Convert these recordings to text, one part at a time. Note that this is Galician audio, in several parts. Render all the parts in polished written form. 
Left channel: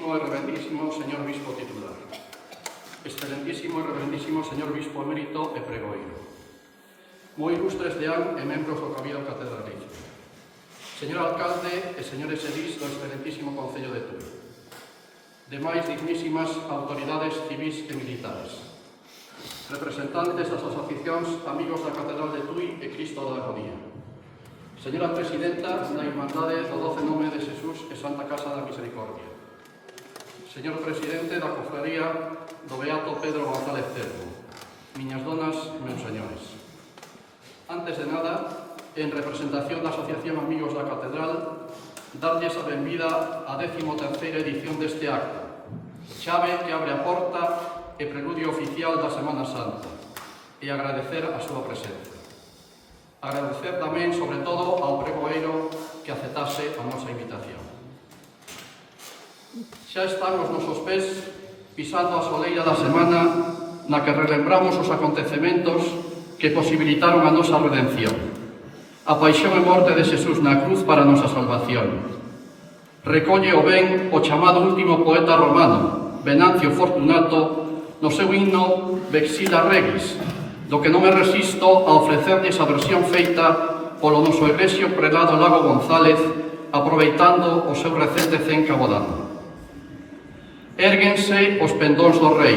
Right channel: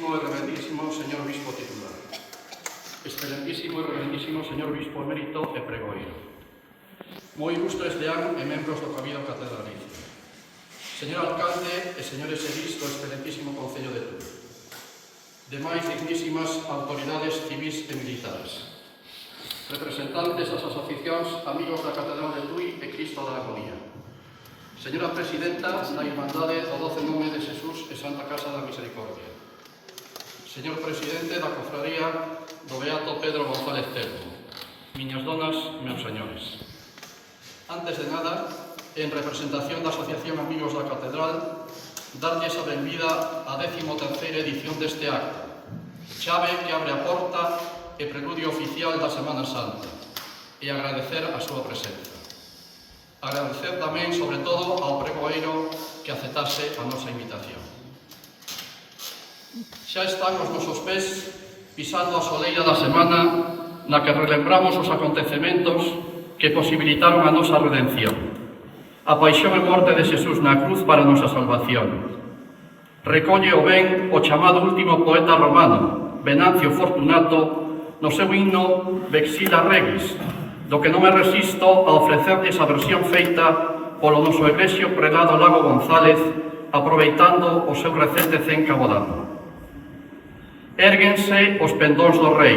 excelentísimo e reverendísimo señor obispo titular, excelentísimo e reverendísimo señor obispo emérito e pregoeiro, moi ilustres deán e membros do Cabildo Catedralicio, señor alcalde e señores edís do excelentísimo Concello de Tui, demais dignísimas autoridades civis e militares, representantes das asociacións Amigos da Catedral de Tui e Cristo da Agonía, señora Presidenta da Irmandade do 12 Nome de Xesús e Santa Casa da Misericordia, señor Presidente da Cofradía do Beato Pedro González Telmo, miñas donas, meus señores. Antes de nada, en representación da Asociación Amigos da Catedral, darlles a benvida á 13ª edición deste acto, chave que abre a porta e preludio oficial da Semana Santa, e agradecer a súa presenza. Agradecer tamén, sobre todo, ao pregoeiro que aceptase a nosa invitación. Xa están os nosos pés pisando a soleira da semana na que relembramos os acontecementos que posibilitaron a nosa redención, a paixón e morte de Xesús na cruz para a nosa salvación. Recolle o ben o chamado último poeta romano, Venancio Fortunato, no seu himno Vexila Regis, do que non me resisto a ofrecerlles a versión feita polo noso eglesio prelado Lago González, aproveitando o seu recente 100 cabodano. Érguense os pendóns do rei,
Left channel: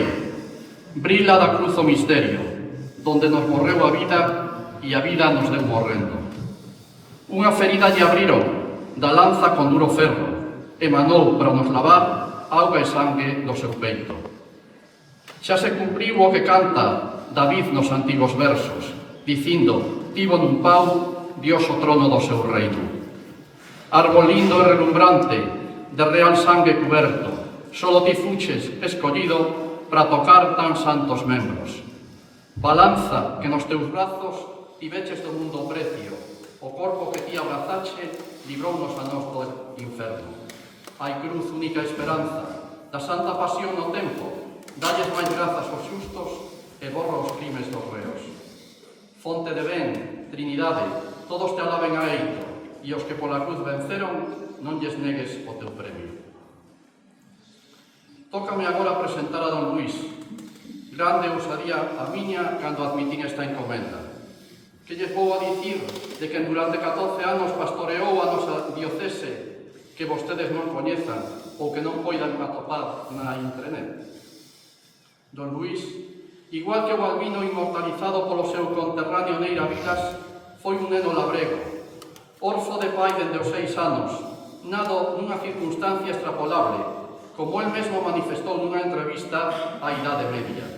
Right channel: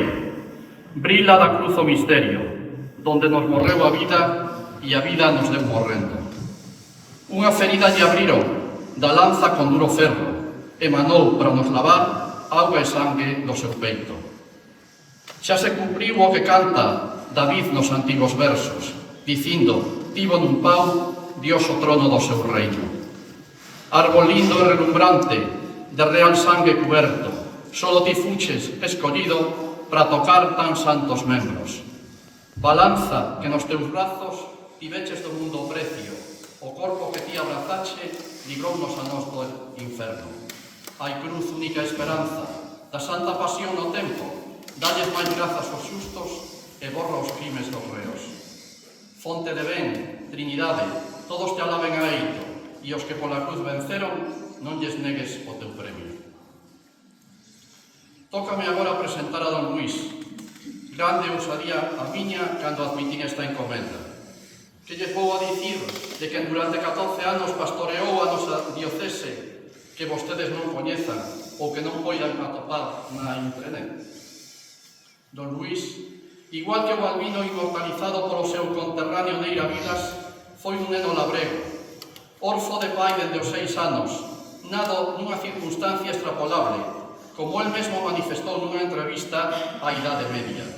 brila da cruz o misterio, donde nos morreu a vida e a vida nos deu morrendo. Unha ferida lle abriron da lanza con duro ferro, emanou para nos lavar auga e sangue do seu peito. Xa se cumpriu o que canta David nos antigos versos, dicindo, tivo nun pau Dios o trono do seu reino. Árbol lindo e relumbrante, de real sangue cuberto, solo ti fuches escollido para tocar tan santos membros. Balanza que nos teus brazos tiveches do mundo precio, o corpo que ti abrazache librounos a nós do inferno. Hai cruz, única esperanza, da santa pasión no tempo, dalles máis grazas aos justos e borra os crimes dos reos. Fonte de ben, Trinidade, todos te alaben a eito, e os que pola cruz venceron, non lles negues o teu premio. Tócame agora presentar a don Luís. Grande ousadía a miña cando admitín esta encomenda. Que lle vou a dicir de que durante 14 anos pastoreou a nosa diocese que vostedes non coñezan ou que non poidan atopar na internet? Don Luís, igual que o Balbino inmortalizado polo seu conterráneo Neira Vilas, foi un neno labrego, orfo de pai dende os 6 anos, nado nunha circunstancia extrapolable, como el mesmo manifestou nunha entrevista á Idade Media.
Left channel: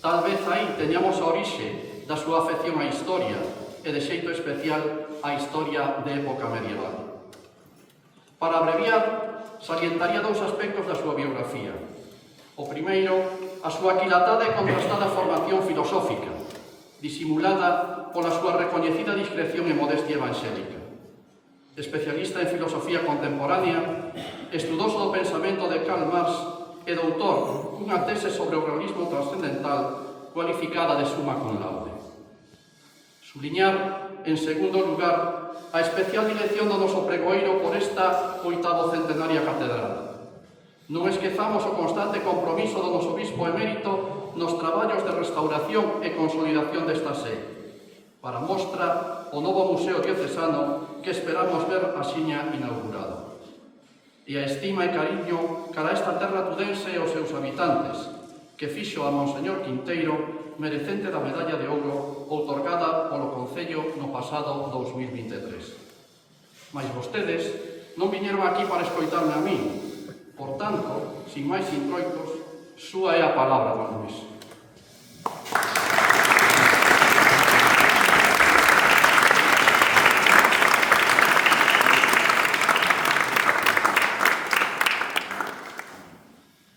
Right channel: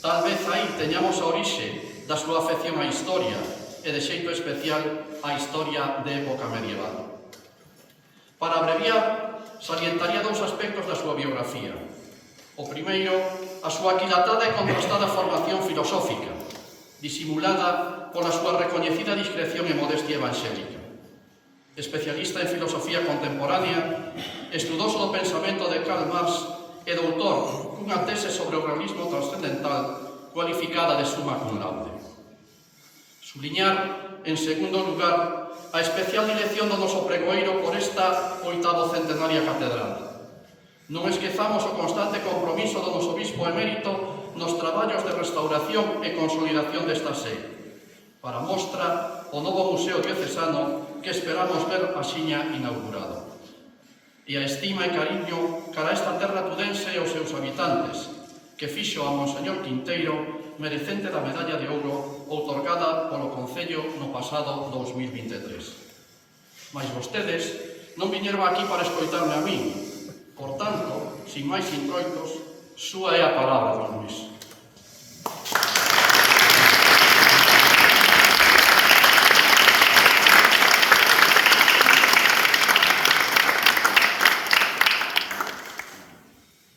Tal vez aí teñamos a orixe da súa afección á historia e, de xeito especial, á historia de época medieval. Para abreviar, salientaría dous aspectos da súa biografía. O primeiro, a súa aquilatada e contrastada formación filosófica, disimulada pola súa recoñecida discreción e modestia evangélica. Especialista en filosofía contemporánea, estudoso do pensamento de Karl Marx e doutor cunha tese sobre o realismo trascendental cualificada de summa cum laude. Subliñar, en segundo lugar, a especial dirección do noso pregoeiro por esta 8ª centenaria catedral. Non esquezamos o constante compromiso do noso obispo emérito nos traballos de restauración e consolidación desta sé, para mostra o novo Museo Diocesano que esperamos ver axiña inaugurado. E a estima e cariño cara a esta terra tudense e aos seus habitantes, que fixo a Monseñor Quinteiro merecente da medalla de ouro outorgada polo Concello no pasado 2023. Mais vostedes non viñeron aquí para escoitarme a mí. Por tanto, sin máis introitos, súa é a palabra, don Luís.